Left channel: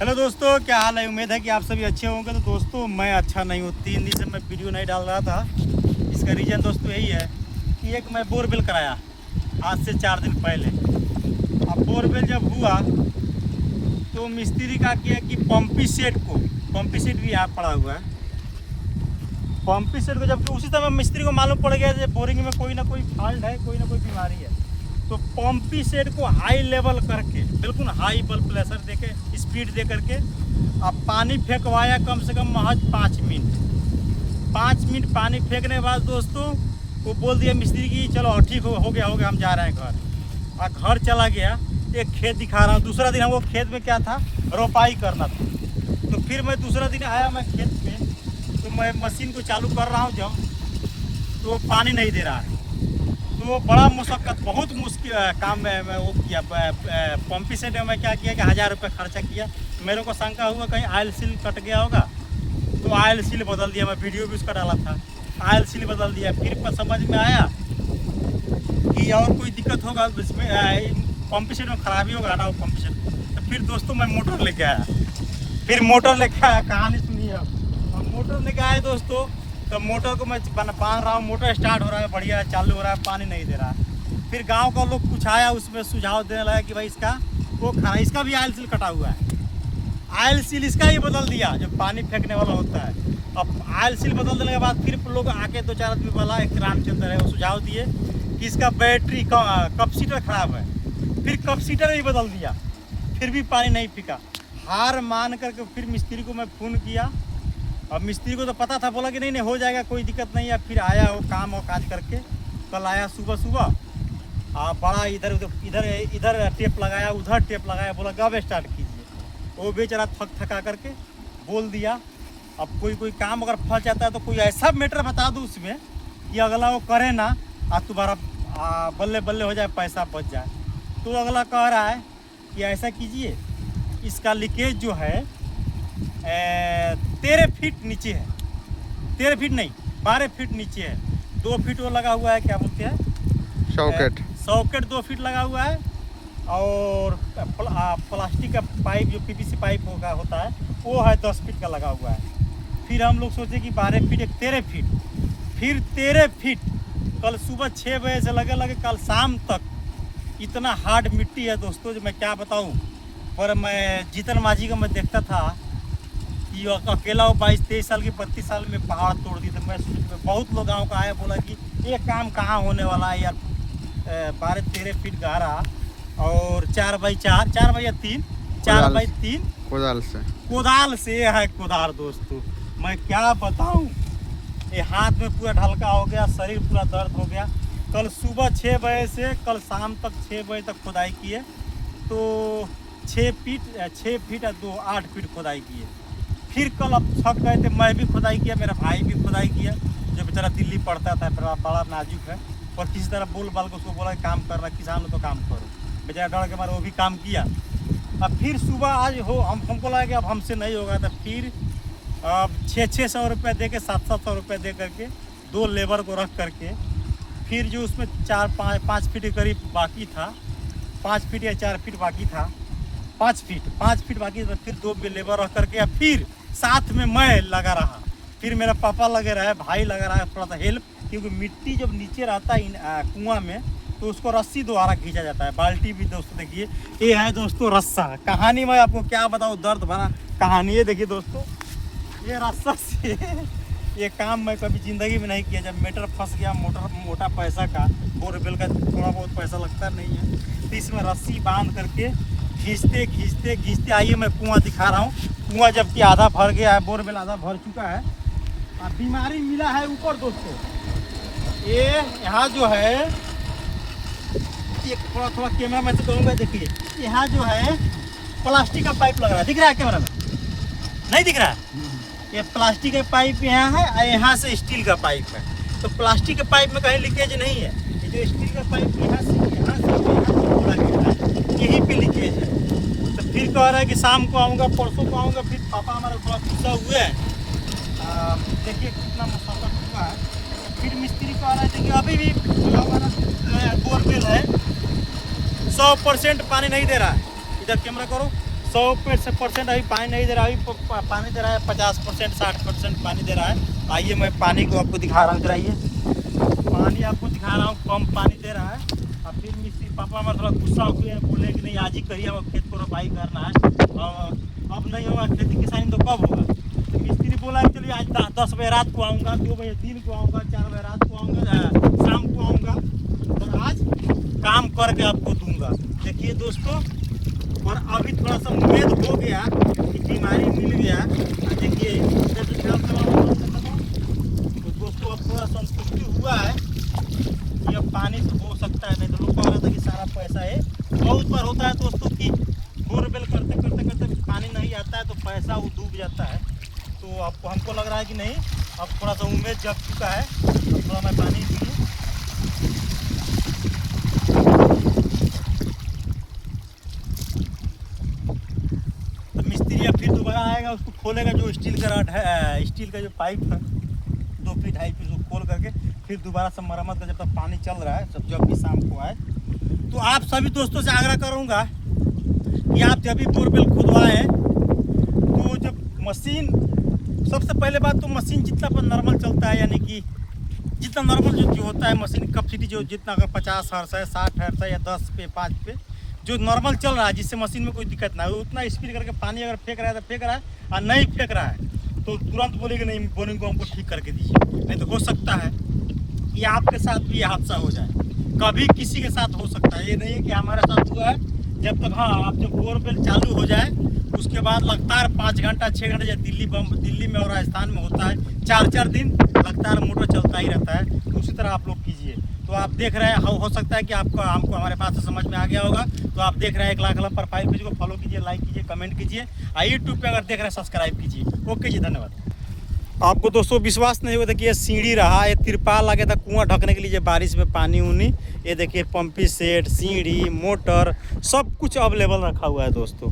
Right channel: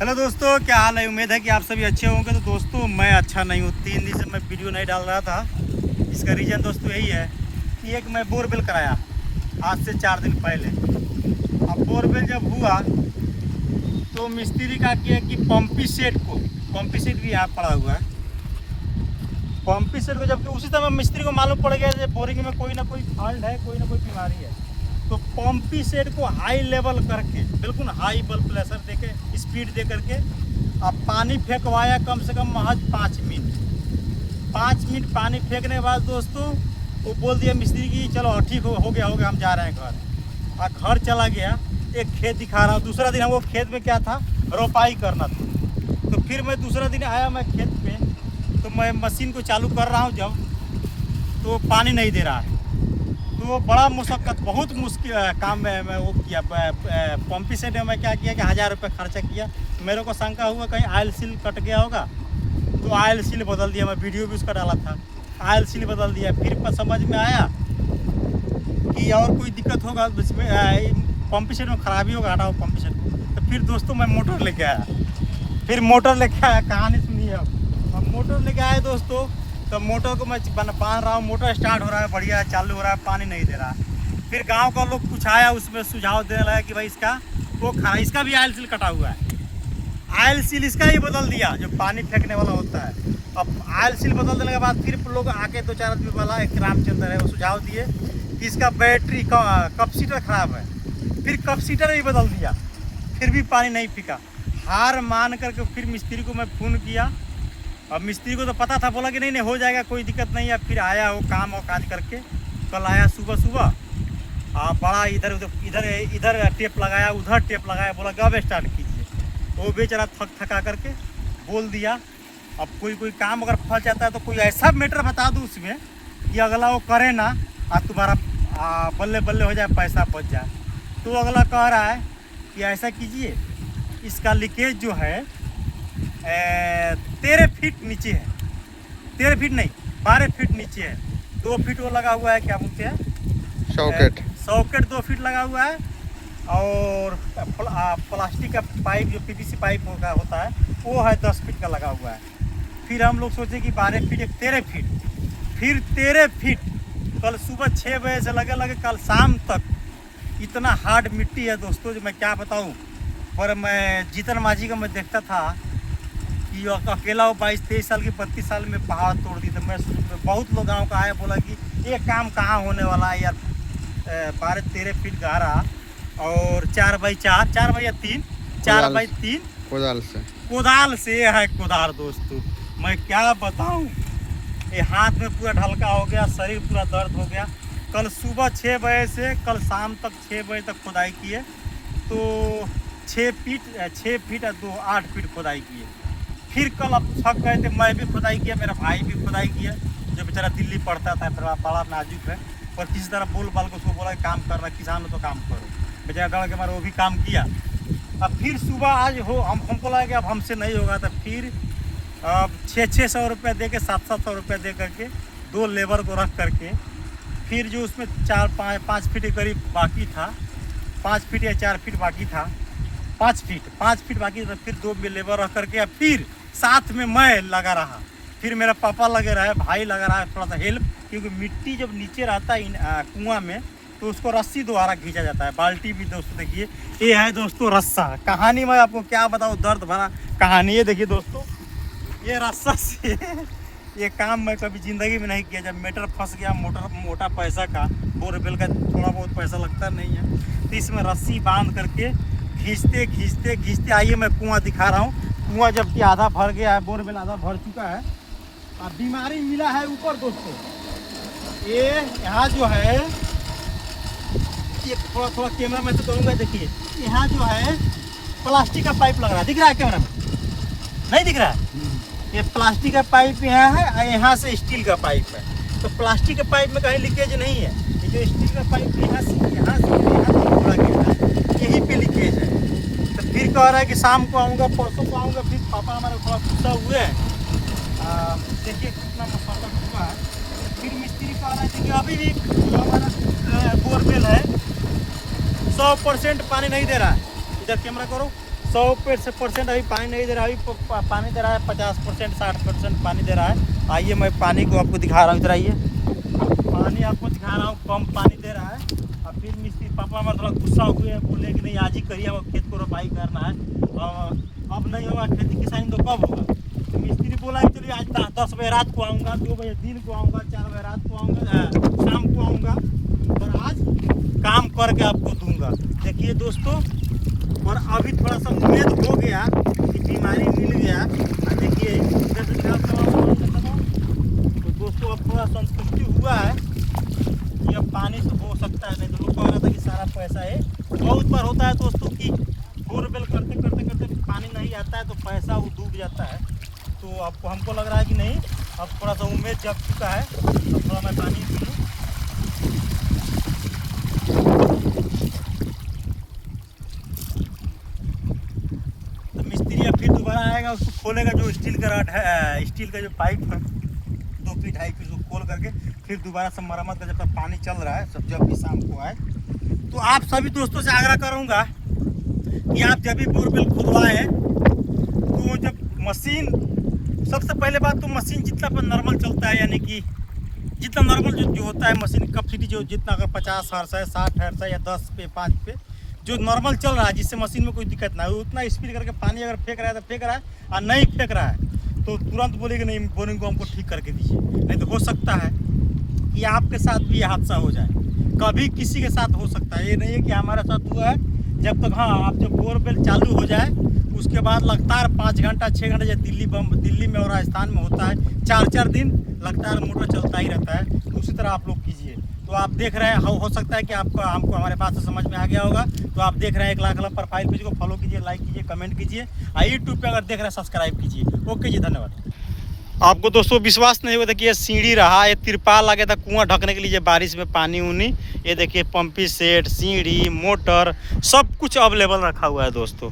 Hello दोस्तों, क्या हाल है। उम्मीद है कि आप सभी अच्छे होंगे। तो दोस्तों मैं अच्छा नहीं हूँ। 3 दिन से मैं वीडियो नहीं डाल रहा था। इसका रीज़न दोस्तों यही है कि एक मैं बोरवेल कराया आज से 4 दिन पहले। अब बोरवेल जब हुआ तो मिस्त्री का किया कि पंपी सेट भी यहाँ पड़ा हुआ है। पंपी सेट को जबकि उसी समय मिस्त्री को मालूम पड़ गया कि बोरिंग में कोई ना कोई फॉल्ट है, कोई ना कोई बीमारी है। तो पंपी सेट को हाई लेवल करके बिल्कुल हाई बल प्रेशर दे के स्पीड दे करके अब पानी फेंकवाया कम से कम महज 5 मिनट। 5 मिनट पानी फेंकने के बाद दोस्तों वो बोल दिया मिस्त्री की चलो ठीक हो गया हम जा रहे हैं घर। और घर चला गया। एक खेत दिखा रहा हूँ। दूसरा दिन हमको खेत में क्या था, रोपाई करना था। तो फिर मैं दूसरा दिन आया मैं खेत में, तो मैं मशीन को चालू कर रहा हूँ जब तो पानी नहीं दे रहा है। तो बड़ा मुशक्क़त बहुत मुश्किल काम में मैं वो किया। पंपी सेट में मैं क्या किया कि 1000 रुपये खर्चा किया। मेरे को शंका हुआ कहीं आयल सील कट गया होगा, तो आयल सील बदल दिया। मैं वीडियो भी उसका डाला था, आयल सील बदल दिया। फिर समझ में आया कि और कोई दिक्कत होगा इसमें, पंपी सेट में खराबी होगा, हटाओ पंपी सेट। तो फिर दोस्तों मैं मोटर लेके आया। कहानी सुनिए। अब मोटर लेके आए दोस्तों, तो मोटर को मैं बांध रहा हूँ। मोटर स्टार्ट हो रहा है, बढ़िया चालू हो रहा है, पानी नहीं दे रहा है। फिर गांव का लोग कुछ आया, उसमें सुझाव देने लगा कि भाई इसका भी आयल सील कटा हुआ है। आयल सील इसका ही बदल दिया जो पानी फेंकने वाला होता है। अब आयल सील बदल देने के बाद फिर लोग आके 2-4 आदमी वाला, एक रामचंद्र है, वो सुझाव दिए कि इसका बैटरी कैपेसिटर खराब है। फिर कैपेसिटर भी बदल दिया, फिर भी पानी नहीं फेंका। हार मान करके फिर मिस्त्री को मैं फ़ोन किया। अब मिस्त्री को तो पता था, बोला कि नहीं हो जाएगा, कोई दिक्कत नहीं है। फिर आया वो काम और काज करके, कल आया सुबह बड़ा इधर टेप लगाया, उधर टेप लगाया, बोला कब स्टार्ट कीजिए। वो बेचारा थका करके बोल दिया। अब कोई काम अगर फंस जाता है तो कोई ऐसा मैटर बता दो उसमें कि अगला वो करे ना और तुम्हारा बल्ले बल्ले हो जाए, पैसा बच जाए। तो अगला कह रहा है कि ऐसा कीजिए, इसका लीकेज जो है 13 फीट नीचे है। 13 फीट नहीं, 12 फीट नीचे है। 2 फीट वो लगा हुआ है, क्या बोलते हैं, सॉकेट 2 फीट लगा हुआ है। और प्लास्टिक का पाइप जो पीवीसी पाइप होता है वो है 10 फीट का लगा हुआ है। फिर हम लोग सोचे कि 12 फीट, एक 13 फीट, फिर 13 फीट। कल सुबह 6 बजे से लगे कल शाम तक इतना हार्ड मिट्टी है दोस्तों जो मैं क्या बताऊँ। पर मैं जीतन माझी का मैं देखता था कि अकेला वो 22-23 साल की 32 साल में पहाड़ तोड़ दी थी। मैं बहुत लोग गाँव का आया, बोला कि ये काम कहाँ होने वाला है यार। 12-13 फीट गहरा और 4x4, 4x3, 4x3 कोदाल से है कोदाल दोस्तों। मैं क्या बताऊं, ये हाथ में पूरा ढलका हो गया, शरीर पूरा दर्द हो गया। कल सुबह 6 बजे से कल शाम तक 6 बजे तक खुदाई किए। तो 6 फीट और 8 फीट खुदाई किए। फिर कल अब थक गए थे, मैं भी खुदाई किया, मेरा भाई भी खुदाई किया, जो बेचारा दिल्ली पढ़ता था, फिर बड़ा नाजुक है। और किसी तरह बोल बाल को उसको बोला काम करना, किसान हो तो काम करो। बेचारा डर के मारे वो भी काम किया। अब फिर सुबह आज हमको लगा कि अब हमसे नहीं होगा। तो फिर अब 600 रुपये दे के 700 रुपये दे करके 2 लेबर को रख करके, फिर जो उसमें 4-5 फीट के करीब बाकी था, 5 फीट या 4 फीट बाकी था, 5 फीट बाकी था। फिर 2 लेबर रख करके फिर साथ में मैं लगा रहा। फिर मेरा पापा लगे रहा है, भाई लगा रहा है थोड़ा सा हेल्प, क्योंकि मिट्टी जब नीचे रहता है कुआं में तो उसको रस्सी द्वारा खींचा जाता है। बाल्टी भी दोस्तों देखिए, ये है दोस्तों रस्सा। कहानी मैं आपको क्या बताऊँ, दर्द भरा कहानी है। देखिए दोस्तों, ये रस्सा से ये काम मैं कभी ज़िंदगी में नहीं किया। जब मीटर फंस गया मोटा पैसा का, बोरवेल का थोड़ा बहुत पैसा लगता नहीं है, तो इसमें रस्सी बांध करके खींचते आइए मैं कुआं दिखा रहा हूँ। कुआं जबकि आधा भर गया है, बोरवेल आधा भर चुका है। और बीमारी मिला है ऊपर दोस्तों। ये यहाँ जो है, ये थोड़ा कैमरा में तो कहूँगा, देखिए यहाँ जो है प्लास्टिक का पाइप लग रहा है, दिख रहा है कैमरा में? नहीं दिख रहा है। ये प्लास्टिक का पाइप यहाँ है और यहाँ से स्टील का पाइप है। तो प्लास्टिक के पाइप में कहीं लीकेज नहीं है। ये जो स्टील का पाइप यहाँ से थोड़ा गिर रहा है, यहीं पे लीकेज है। तो फिर कह रहा है कि शाम को आऊँगा, परसों को आऊँगा। फिर पापा हमारा थोड़ा गुस्सा हुए हैं। देखिए कितना मसौदा हुआ है। तो फिर मिस्त्री कह रहा है कि अभी भी जो हमारा बोरवेल है 100% पानी नहीं दे रहा है। इधर कैमरा करो, 100% अभी पानी नहीं दे रहा है, अभी पानी दे रहा है 50% 60% पानी दे रहा है। आइए मैं पानी को आपको दिखा रहा हूँ, इधर आइए, पानी आपको दिखा रहा हूँ, कम पानी दे रहा है। और फिर मिस्त्री पापा हमारे थोड़ा गुस्सा हुए हैं, बोले कि नहीं आज ही करिए, अब खेत को रोपाई करना है, अब नहीं होगा खेती किसानी तो कब होगा। तो मिस्त्री बोला चलिए आज 10 बजे रात को आऊँगा, 2 बजे दिन को आऊँगा, 4 बजे रात को आऊँगा, शाम को आऊँगा, और आज काम करके आपको दूंगा। देखिए दोस्तों, और अभी थोड़ा सा उम्मीद हो गया कि बीमारी मिल गया। देखिए तो दोस्तों अब थोड़ा संतुष्टि हुआ है कि अब पानी से हो सकता है, नहीं तो लोग कह रहा था कि सारा पैसा है। बहुत बार होता है दोस्तों कि बोरवेल करते करते करते पानी नहीं आता है तो पैसा वो डूब जाता है। तो आपको हमको लग रहा है कि नहीं, अब थोड़ा सा उम्मीद जग चुका है। अब थोड़ा मैं पानी पी लूँ। मिस्त्री अब फिर दोबारा आएगा, उसको खोलेगा, जो स्टील का रॉड है, स्टील का जो पाइप है 2 फीट 2.5 फीट, उसको खोल करके फिर दोबारा से मरम्मत का, जब तक पानी चल रहा है, सब जब भी शाम को आए। तो आप सभी दोस्तों से आग्रह करूंगा कि आप जब भी बोरवेल खुदवाएं तो जब मशीन, सबसे पहले बात तो मशीन जितना पर नॉर्मल चलता है, यानी कि जितना नॉर्मल जो होता है मशीन कैपेसिटी, जो जितना अगर 50 हर्ट्ज है, 60 हर्ट्ज है, या 10 पे 5 पे जो नॉर्मल चल रहा है, जिससे मशीन में कोई दिक्कत ना हो, उतना स्पीड करके पानी अगर फेंक रहा है तो फेंक रहा है, और नहीं फेंक रहा है तो तुरंत बोलेगा नहीं बोरिंग को हमको ठीक करके दीजिए। नहीं तो हो सकता है कि आपके साथ भी ये हादसा हो जाए, कभी किसी के साथ हो सकता है। ये नहीं है कि हमारे साथ हुआ है। जब तक, हाँ, आप जब बोरवेल चालू हो जाए उसके बाद लगातार 5 घंटा 6 घंटा, जैसे दिल्ली में और राजस्थान में होता है 4-4 दिन लगातार मोटर चलता ही रहता है, उसी तरह आप लोग कीजिए। तो आप देख रहे हैं, हो सकता है कि हमको हमारे बात से समझ में आ गया होगा। तो आप देख रहे हैं 1 लाख प्रोफाइल पेज को फॉलो कीजिए, लाइक कीजिए, कमेंट कीजिए, और यूट्यूब पे अगर देख रहे हैं सब्सक्राइब कीजिए। ओके जी, धन्यवाद। आपको दोस्तों विश्वास नहीं होता कि ये सीढ़ी रहा, ये तिरपाल लगे था कुआं ढकने के लिए, बारिश में पानी उनी। ये देखिए पंपी सेट, सीढ़ी, मोटर, सब कुछ अवेलेबल रखा हुआ है दोस्तों।